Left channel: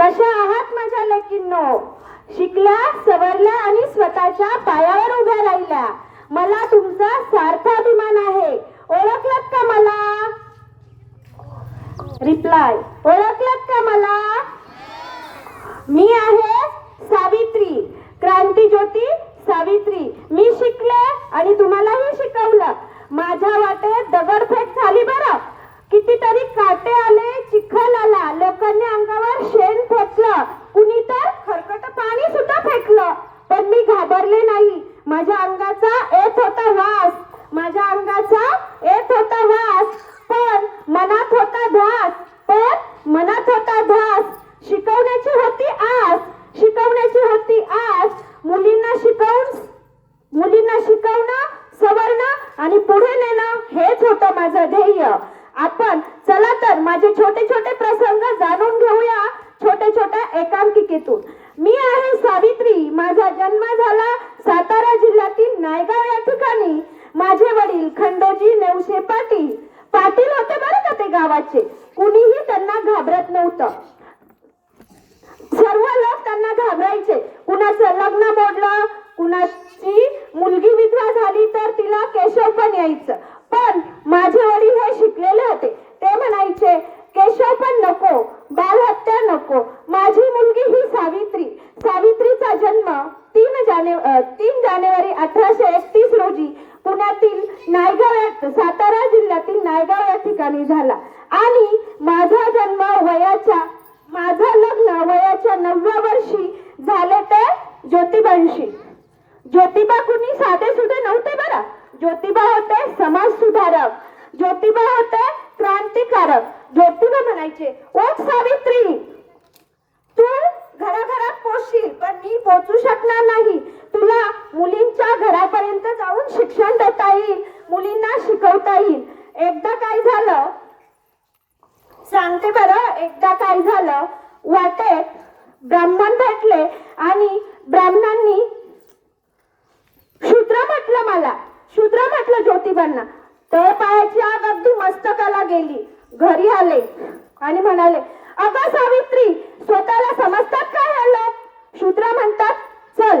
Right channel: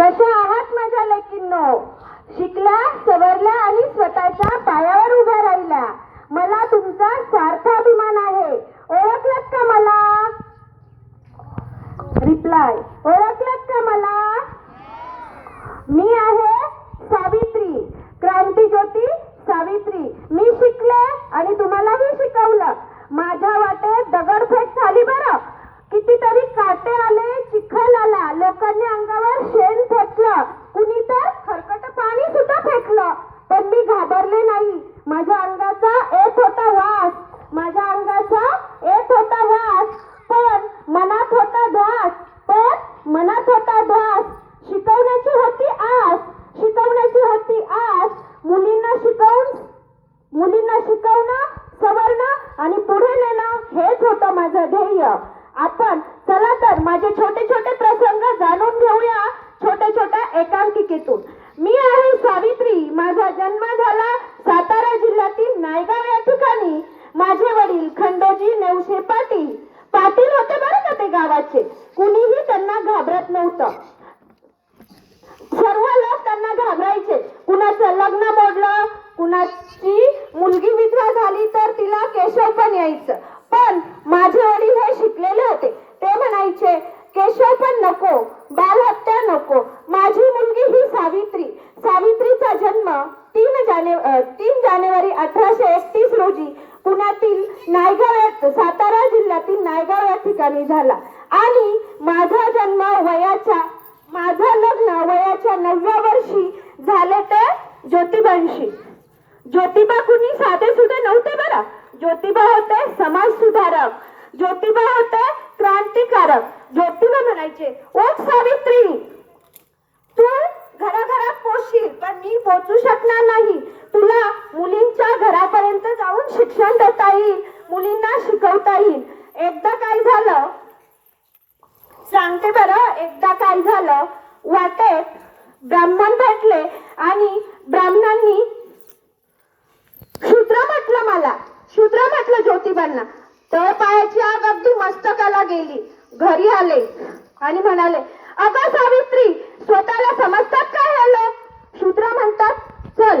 कशा आहात माझ्या लेकींनो? शिकल्या, सवरल्या आणि स्वतःच्या पायावर उभ्या राहिल्या. मला तुमचा सार्थ अभिमान आहे. ओळखलात का मला? रिप्लाय, ओळखलात का मला? मी आहे सावित्री, क्रांती ज्योती सावित्री. मी शिकले आणि तुम्हालाही शिकवलं. माझ्या वाटेत दगडफेक झाली बरं. कितीतरी काटे आले, चिखल आला, लोकांनी अंगावर शेण फेकलं, कुणी तर खरकट पाणी सुद्धा फेकलं, पण मी घाबरले नाही. माझ्या अंगाचा येत होता वास, माझ्या अंगाचा येत होता वास, पण मनात होता ध्यास, पण मनात होता ध्यास. शिकवण्याची होती आस, शिकवण्याची होती आस. मुलींना शिकवणं, सवरणं आणि पुढे नेणं हेच होतं माझं ध्येय. आपण चला तर माझे छोटे छोटे प्रसंग जाणून घेऊया छोट्या छोट्या एकांकिकेतून. मी आहे सावित्री. माझा जन्म झाला सातारा जिल्ह्यातील नायगाव या ठिकाणी. माझे वडील खंडोजी नेवसे पाटील होते बरं का ते गावाचे. कुणीही त्यांना घाबरत नव्हतं. सर्व लोक त्यांना घाबरायचे. कुणाचं लग्न मोडलं, कुणाची मुलगी विधवा झाली तर तिला केशव पण यायचं. पण माझे वडील हे शिकलेले होते. ते म्हणायचे केशव पण नको, बालहत्या नको. माझी मुलगी ही सावित्री. सावित्रीचा जन्म 3 जानेवारी 1831 रोजी पुण्यातील नायगाव, सातारा जिल्ह्यातील नायगाव या ठिकाणी झाला. आणि माझं लग्न वयाच्या 9व्या वर्षी झाले ते ज्योतिबांशी. ज्योतिबा कुणी साधे सुधे नव्हते बरं. ज्योतिबा होते समाज सुधारक, ज्योतिबा होते क्रांतिकारक. ज्योतिबा म्हणायचे, ओ सावित्री, तू घराघरात पोचशील पण मी पोचू शकणार नाही. तुला मुलींच्या घरापर्यंत जाऊन शिक्षण देता येईल, मुलींना शिकवता येईल. एकदा काय झालं सांगते बरं. एकदा काय झालं, वाटेत ब्राह्मण भेटले आणि ब्राह्मणांनी शूद्र म्हटलं ज्योतिबांना. तर पायाची आग अगदी मस्तकाला गेली. घरी आले आणि म्हणाले, अगं सावित्री, स्वतःला समजतात काय हे लोक? शूद्र म्हणतात, चल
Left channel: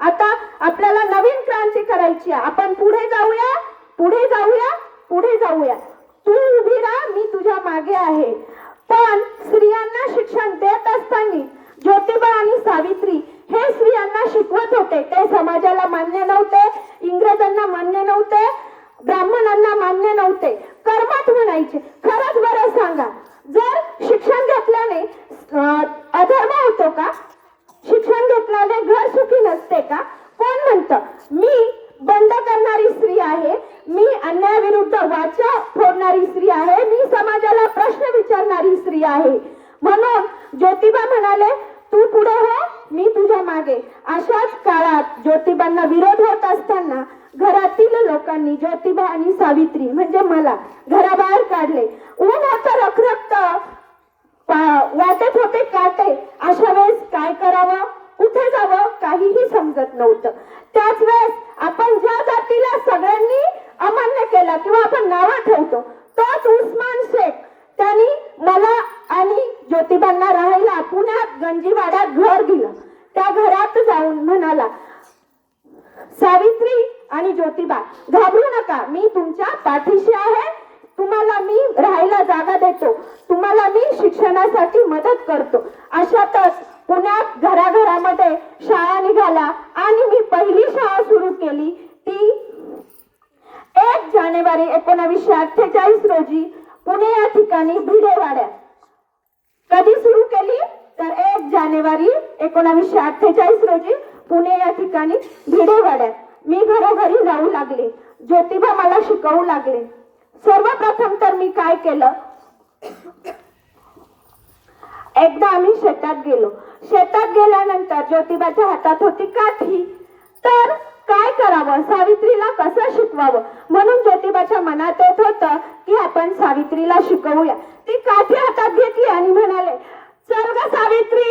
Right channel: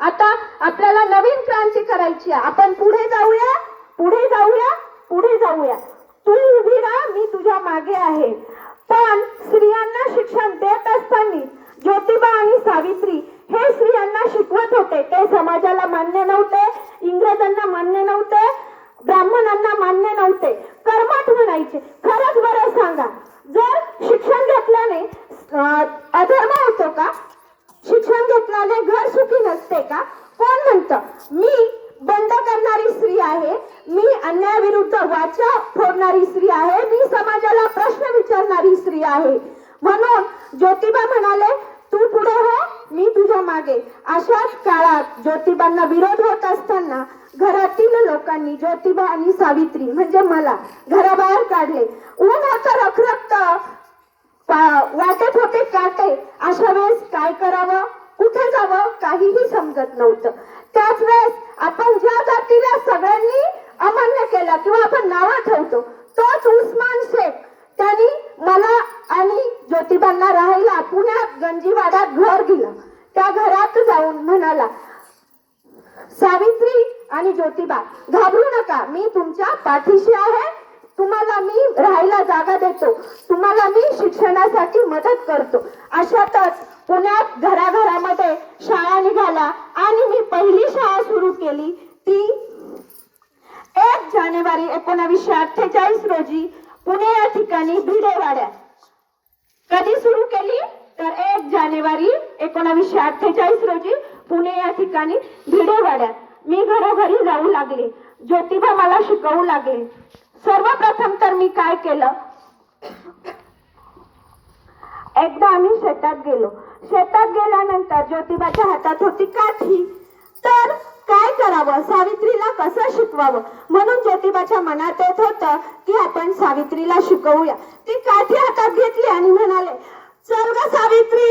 आता आपल्याला नवीन क्रांती करायची आहे. आपण पुढे जाऊया, पुढे जाऊया, पुढे जाऊया. तू उभी राहा, मी तुझ्या मागे आहे. पण स्त्रियांना शिक्षण देत असताना ज्योतिबा आणि सावित्री हे स्त्रियांना शिकवत होते. ते समाजाला मान्य नव्हते, इंग्रजांना मान्य नव्हते, ब्राह्मणांना मान्य नव्हते. कर्मठ म्हणायचे. खरंच बरं सांगा, जर शिक्षण घेतल्याने अधर्म होतो का? शिक्षण घेतल्याने घर सुखी नसते का? कोण म्हणतं? मी बंद करणारी स्त्री आहे, मी अन्यायाविरुद्ध वाचा फोडणारी स्त्री आहे, मी समाजाला प्रश्न विचारणारी स्त्री आहे. म्हणून ज्योतिबा म्हणाले, तू पुढे हो, मी तुझ्या मागे. अशाच काळात ज्योतिबांना विरोध होत असताना घरातील लोकांनी ज्योतिबा आणि सावित्री म्हणजे मला घराबाहेर काढले. ऊन होतं रखरखत, वाटत होते काटे. अशा वेळेस काय करावं, कुठे जावं काहीही समजत नव्हतं. त्याच वेळेस आपण ज्या जातीला सगळ्यांनी अमान्य केला किंवा आपण नावं ठेवतो, तोच उस्मान शेख, त्यांनी मला आणि ज्योतिबांना राहायला पुण्यात गंजीवाड्यात घर दिलं. त्या घरात जाऊन म्हणाला, सावित्री आणि ज्योतिबा, घाबरू नका, मी तुमच्या पाठीशी आहे. तुम्हाला मी राहायला जागा देतो, तुम्हाला मी शिक्षणासाठी मदत करतो. अशातच पुण्यात घराघरामध्ये शाळा निघाल्या आणि मी पहिली शाळा सुरू केली. ती 1 जानेवारी 1948 रोजी पुणे या ठिकाणी भिडेवाड्यात. कधी सुरू केली तर 1 जानेवारी 1948 रोजी पुणे या ठिकाणी भिडेवाड्यात. मी घरोघरी जाऊ लागले, ज्योतिबा मला शिकवू लागले. सर्वप्रथम तर मी काय केलं, एकदा आम्ही शेतात गेलो. शेतात गेल्यानंतर ज्योतिबाच्या हातात होती काठी. तर काय करावं, सावित्रीला कसं शिकवावं, म्हणून ज्योतिबाच्या मनात येत होतं की आपण सावित्रीला शिकवूया. ती काठी हातात घेतली आणि म्हणाले, चल ग सावित्री.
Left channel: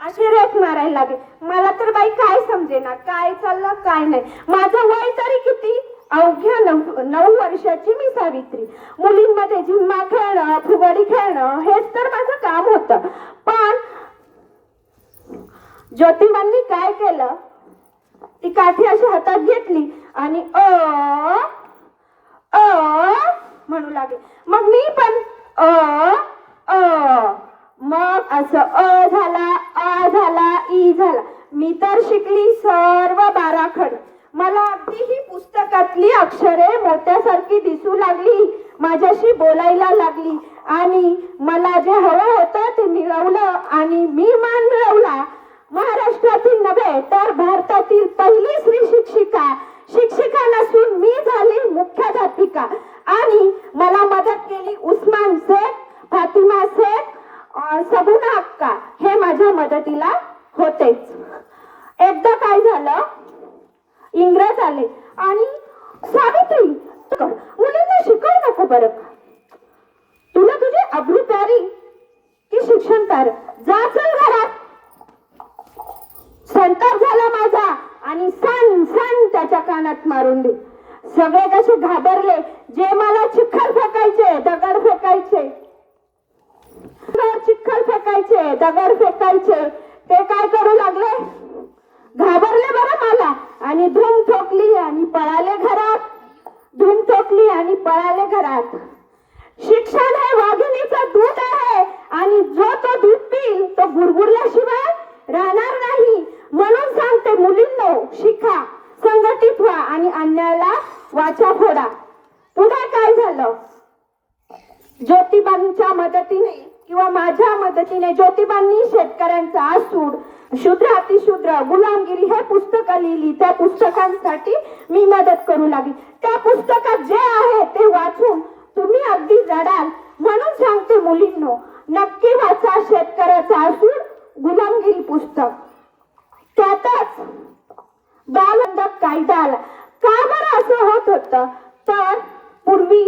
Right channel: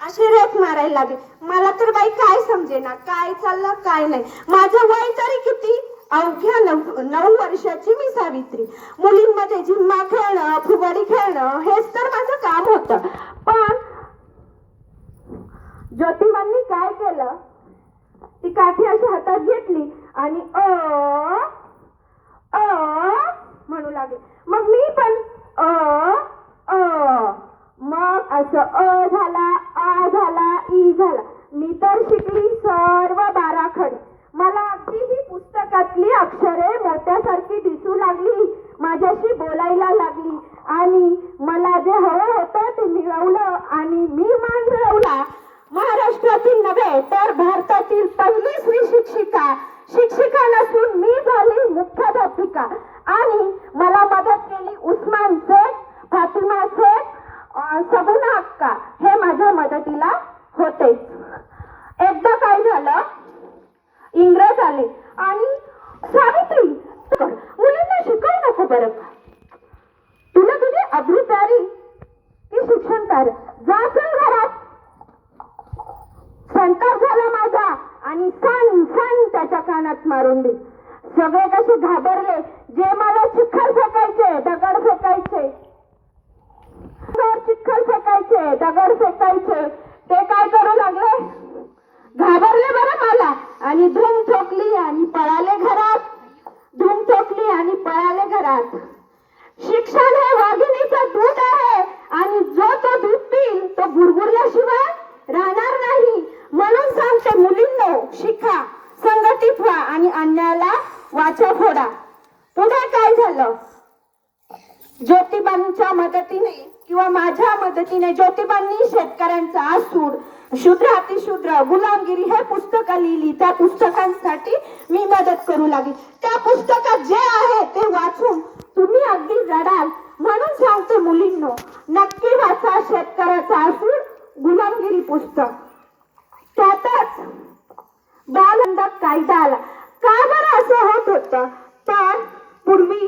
अशी रेख मारायला लागली. मला तर बाई काय समजेना, काय चाललं काय नाही. माझं वय तरी किती, अवघ्या 9 वर्षाची मी सावित्री. मुलींमध्ये झिम्मा खेळणं, फुगडी खेळणं हेच तर माझं काम होतं. पण ज्योतिबांनी काय केलं, ती काठी अशी हातात घेतली आणि म्हणू लागले. मग मी पण मग असं झाला, आ झाला, ई झाला. मी तर शिकली सर्व 12 खड. मला अगदी ही पुस्तकातली अक्षरे मोत्यासारखी दिसू लागली, माझ्याशी बोलायला लागली आणि मला जे हवं होतं ते मिळवलं आणि मी मान मिळवला. महाराष्ट्रातील नव्हे तर भारतातील पहिली स्त्री शिक्षिका नसून मी झाली मुख्याध्यापिका. आणि मला मदत केली उस्मान शेख, फातिमा शेख, सबुना अक्का, हे माझ्या मदतीला होतेच. एकदा काय झालं, इंग्रज आले आणि सावित्री मुलींना शिकवू नको बरं, तुला तुझी अब्रू प्यारी की शिक्षण प्यार, जा चल घरात. संताप झाला माझा आणि सन त्याच्या कानात मारून दे. सगळे कसे घाबरले, जे मला चिखल फेकायचे, दगड फेकायचे, चिखल फेकायचे, दगड फेकायचे, ते काय करू लागले, घाबरले बरं मला आणि धूम ठोकली आणि पळाले घरात. धूम ठोकली आणि पळाले घरात. शिक्षण हे वाघिणीचं दूध आहे आणि जो तो दूध पिईल तो गुरगुरल्याशिवाय राहणार नाही. म्हणून सांगते मुलींनो, शिका, संघटित व्हा आणि अन्यायाला वाचा फोडा. पुढे काय झालं, ज्योतिबांच्या मदतीने किंवा माझ्या मदतीने ज्योतिबांनी शेतकऱ्यांचा आसूड, शूद्र अतिशूद्र, गुलामगिरी हे पुस्तकं लिहिली. त्या पुस्तकांसाठी मी मदत करू लागली. त्या पुस्तकात जे आहे ते वाचून तुम्ही अगदी रडाल. म्हणून सांगते मुलींनो, नक्की वाचा शेतकऱ्याचा आसूड, गुलामगिरी पुस्तक. त्यातच बालबंधक कायदा आला. का बरं असं होत होतं, तर पूर्वी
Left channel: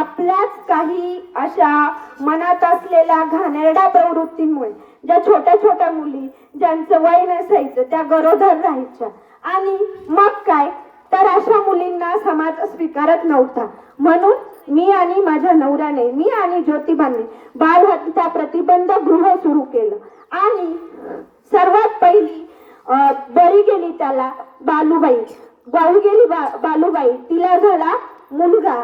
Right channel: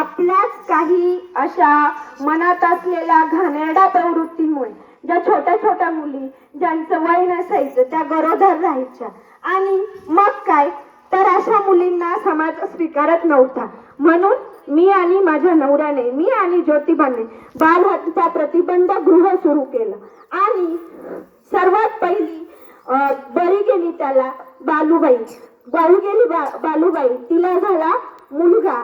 आपल्याच काही अशा मनात असलेल्या घाणेरड्या प्रवृत्तीमुळे ज्या छोट्या छोट्या मुली, ज्यांचं वय नसायचं, त्या गरोदर राहायच्या. आणि मग काय, तर अशा मुलींना समाज स्वीकारत नव्हता. म्हणून मी आणि माझ्या नवऱ्याने, मी आणि ज्योतिबाने बालहत्या प्रतिबंध गृह सुरू केलं. आणि सर्वात पहिली बळी गेली त्याला बालूबाई. गावी गेली बालूबाई, तिला झाला मुलगा.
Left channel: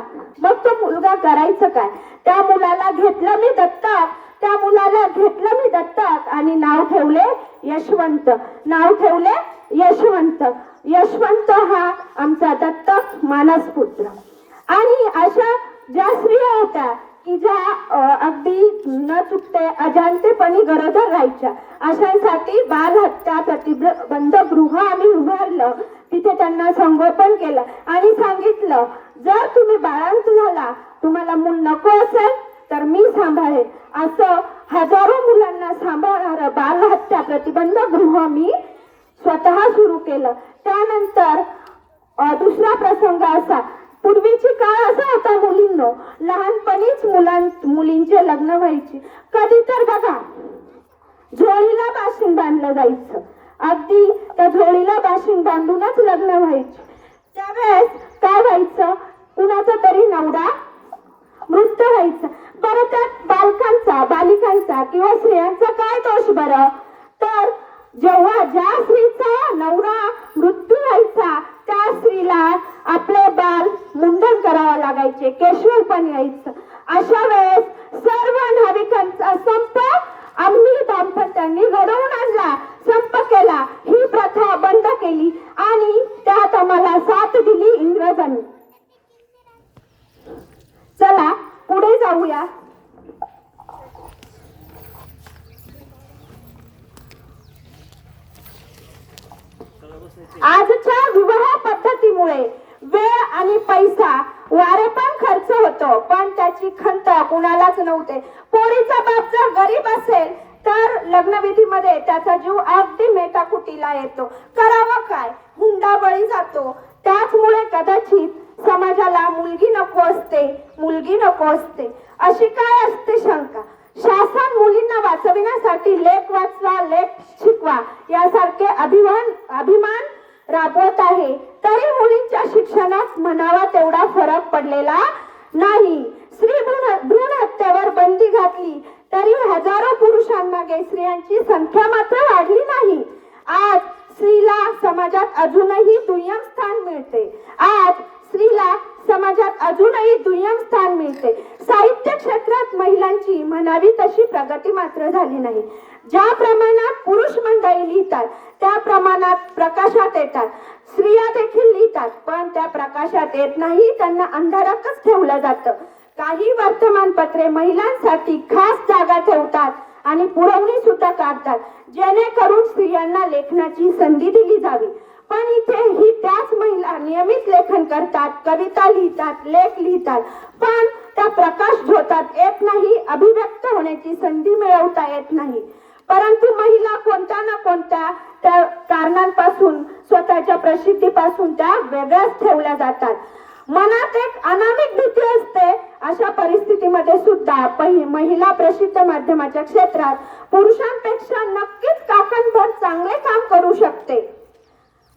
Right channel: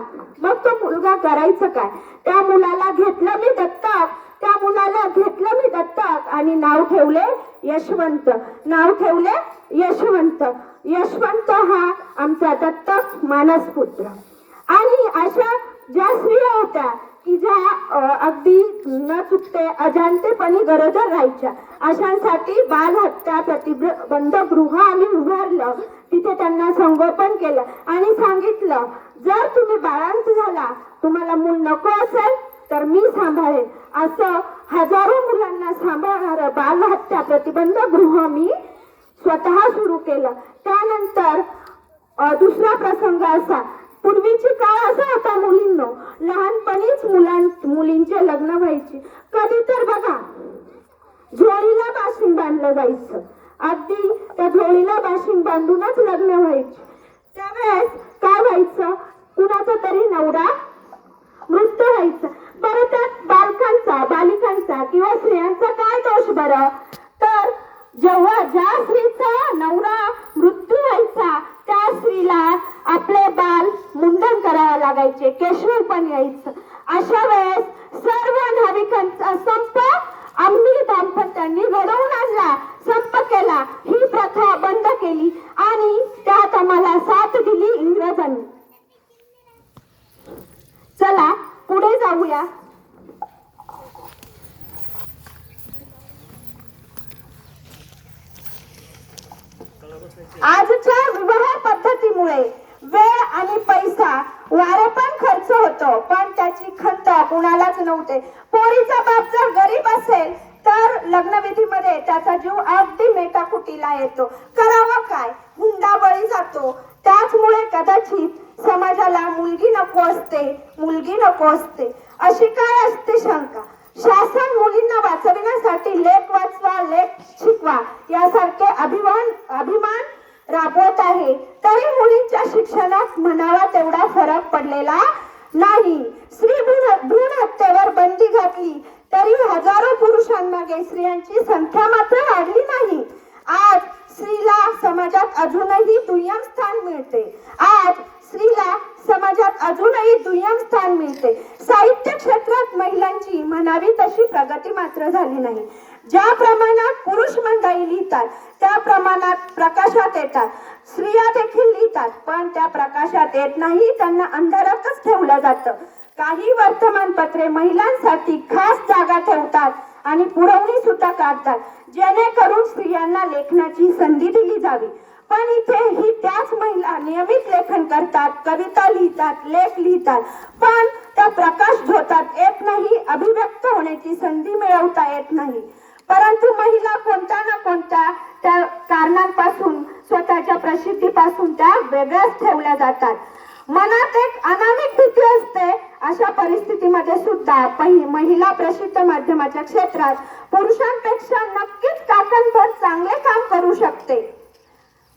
मग तो मुलगा करायचं काय, त्या मुलाला घेतलं मी दत्तक. त्या मुलाला घेतलं मी दत्तक आणि नाव ठेवले यशवंत. नाव ठेवले यशवंत. यशवंत हा आमचा दत्तक मानसपुत्र. आणि अशा ज्या स्त्रिया होत्या की ज्या अगदी न चुकते अजाणतेपणी गरोदर राहायच्या, अशांसाठी बालहत्या प्रतिबंध गृह आम्ही उभारलं. तिथे त्यांना संगोपन केलं आणि सांगितलं, जर तुम्ही बाळांत झाला, तुम्हाला मूल नको असेल तर मी सांभाळेन. असं हजारो मुलांना सांभाळणारं बालहत्या प्रतिबंध गृह मी स्वतः सुरू केलं. त्यानंतर दुसरा प्रसंग असा, पूर्वीची काळ असा होता मुलींनो, लहानपणीच मुलींचे लग्न व्हायचे. कधी तर बघा झोळीला बाशिंग बांधलं जायचं, अगदी त्या झोळीला बाशिंग बांधूनच लग्न व्हायचे. त्यावेळेस काय व्हायचं, कुणाचा तरी नवरा मृत्यू व्हायचा. बरं, त्यात बालिकांचा किंवा स्त्रियांचा काय दोष बरं, तर जेव्हा ज्या स्त्रीचा नवरा मृत्यू व्हायचा त्या स्त्रीला आपले बाल मुंडन करावं लागायचे, केशवपण यायचं. अशा वेळेस सर्व नाविकांचा संप आम्ही दाम्पत्यांनी घडवून आणला, संप केला, ही प्रथा बंद केली आणि त्यात आम्हाला साथ दिली इंग्रजांनी. चला पुढे जाऊया. आजच्या विवाह पद्धतीमुळे वेळ आणि पैसा वारे पण खर्च होतो, पण त्याची खंत कुणालाच नव्हते. पोरीचा बाप जर गरीब असेल तर लग्नविधीमध्ये त्याचा जीव अगदी मेटाकुटीला येतो. करावं काय, हुंडा बळी जातो. त्याचमुळे कदाचित समाजाला मुलगी नको असते अशी काय असते शंका. शासन मुलींना वाचविण्यासाठी लेख वाचवा, लेख शिकवा यासारखे अभिमान राबवत आहे. तरी मुलींच्या शिक्षणात म्हणावा तेवढा फरक पडलेला नाही. स्त्री भ्रूण हत्येवर बंदी घातली तरी हजारो पुरुषांमागे स्त्रियांची संख्या मात्र वाढली नाही. आज स्त्रीला समाजात अजूनही दुय्यम स्थान मिळते. आज स्त्रीला समाजात अजूनही दुय्यम स्थान मिळते. साहित्य क्षेत्रात महिलांची म्हणावी तशी प्रगती मात्र झाली नाही. ज्या प्रमाणात पुरुष मंडळी लिहितात त्या प्रमाणात प्रकाशात येतात. स्त्रिया देखील लिहितात, पण त्या प्रकाशात येत नाही, त्यांना अंधारातच ठेवलं जातं. काही वर्तमानपत्रे महिलांसाठी खास जागा ठेवतात आणि पुरवणी सुद्धा काढतात, जेणेकरून स्त्रियांना लेखनाची संधी दिली जावी. पण इथे ही त्याच महिला नियमित लेखन करतात, कविता लिहितात, लेख लिहितात, पण त्या प्रकाश झोतात येत नाही, अभिव्यक्त होण्याची संधी मिळवता येत नाही. परंतु महिला कोणत्या ना कोणत्या त्या कारणांपासून, स्वतःच्या प्रसिद्धीपासून त्या वेगळ्याच ठेवल्या जातात. मनात एक अनामिक भीती असते. अशा परिस्थितीमध्ये सुद्धा महिला प्रसिद्ध माध्यमाच्या क्षेत्रात पुरुषांपेक्षा नक्कीच काकणभर चांगले काम करू शकते.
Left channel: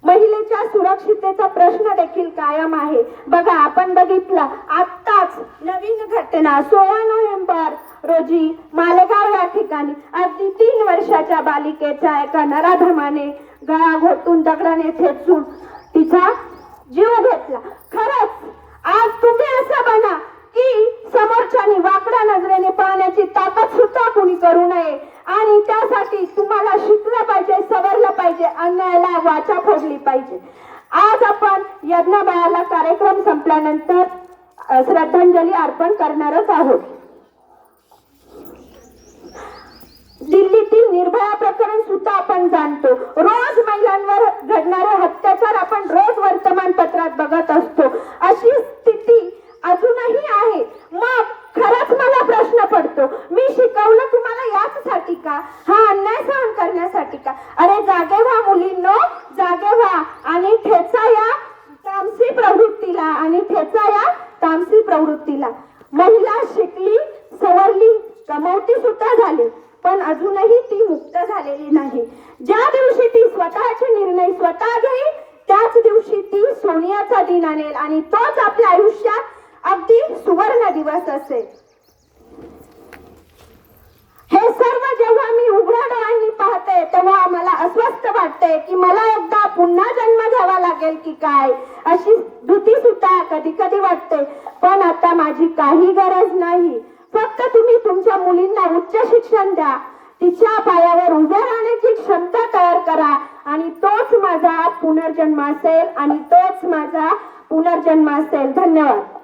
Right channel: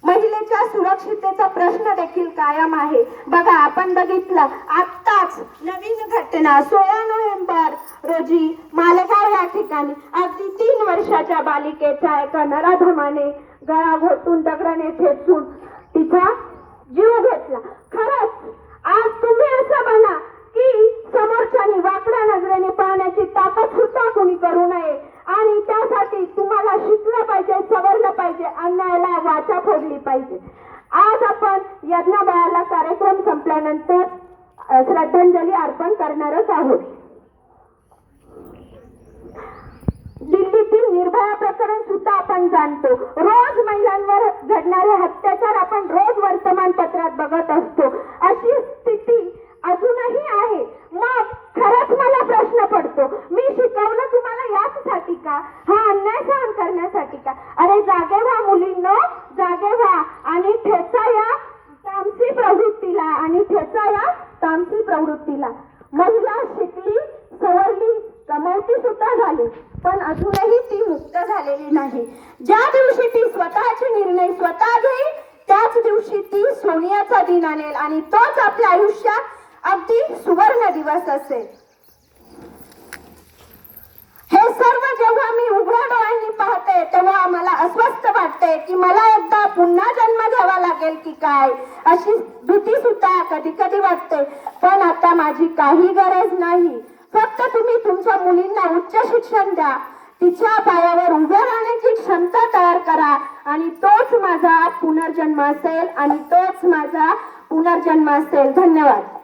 महिलेच्या सुरक्षिततेचा प्रश्न देखील कायम आहे. बघा, आपण बघितलं आत्ताच नवीन घटना 16 नोव्हेंबर रोजी मालेगाव या ठिकाणी अगदी 3 वर्षाच्या बालिकेचा एका नराधमाने गळा घोटून दगडाने ठेचून तिचा जीव घेतला. खरंच आज तुम्ही असं बना की समोरच्यानी वाकड्या नजरेने पाहण्याची ताकद सुद्धा कुणी करू नये आणि त्यासाठी तुम्हाला शिकलं पाहिजे, सवरलं पाहिजे, अन्यायाला वाचा फोडली पाहिजे. आज आपण यज्ञबाळाला कार्यक्रम संपल्यानंतर श्रद्धांजली अर्पण करणारच आहोत. दिल्लीतील निर्भया प्रकरण सुद्धा आपण जाणतो. रोज महिलांवर घडणारे अत्याचार आपण रोज वर्तमानपत्रात बघत असतो. अशी स्थिती अजूनही आहे. मग खरंच मला प्रश्न पडतो, मी शिकवलं तुम्हाला याचसाठी का? हा अन्याय सहन करण्यासाठी का? अरे जागे व्हा मुलींनो, जागे व्हा आणि ठेचा या तामसी प्रवृत्तीला, आणि ठेचा या तामसी प्रवृत्तीला. महिला शिकली, सवरली, कमवती सुद्धा झाली, पण अजूनही ती मुक्त झालेली नाही. ज्या दिवशी ती स्वतःचे निर्णय स्वतः घेईल त्याच दिवशी ती सोनियाचा दिन आणेल आणि तोच आपल्या आयुष्यात अगदी सुवर्ण दिवस असेल. हे सर्व जेव्हा मी उघड्या डोळ्यांनी पाहते तेव्हा मला अस्वस्थ वाटते की मला एकदा पुन्हा जन्म घ्यावा लागेल की काय, अशी भीती सुद्धा कधी कधी वाटते. पण आता माझी काही गरज नाही. फक्त तुम्ही तुमच्या मुलींना उच्च शिक्षण द्या, तिच्या पायावर उभ्या राहण्याची क्षमता तयार करा आणि तोच माझा पुनर्जन्म असेल, आणि तोच माझा पुनर्जन्म असेल. धन्यवाद.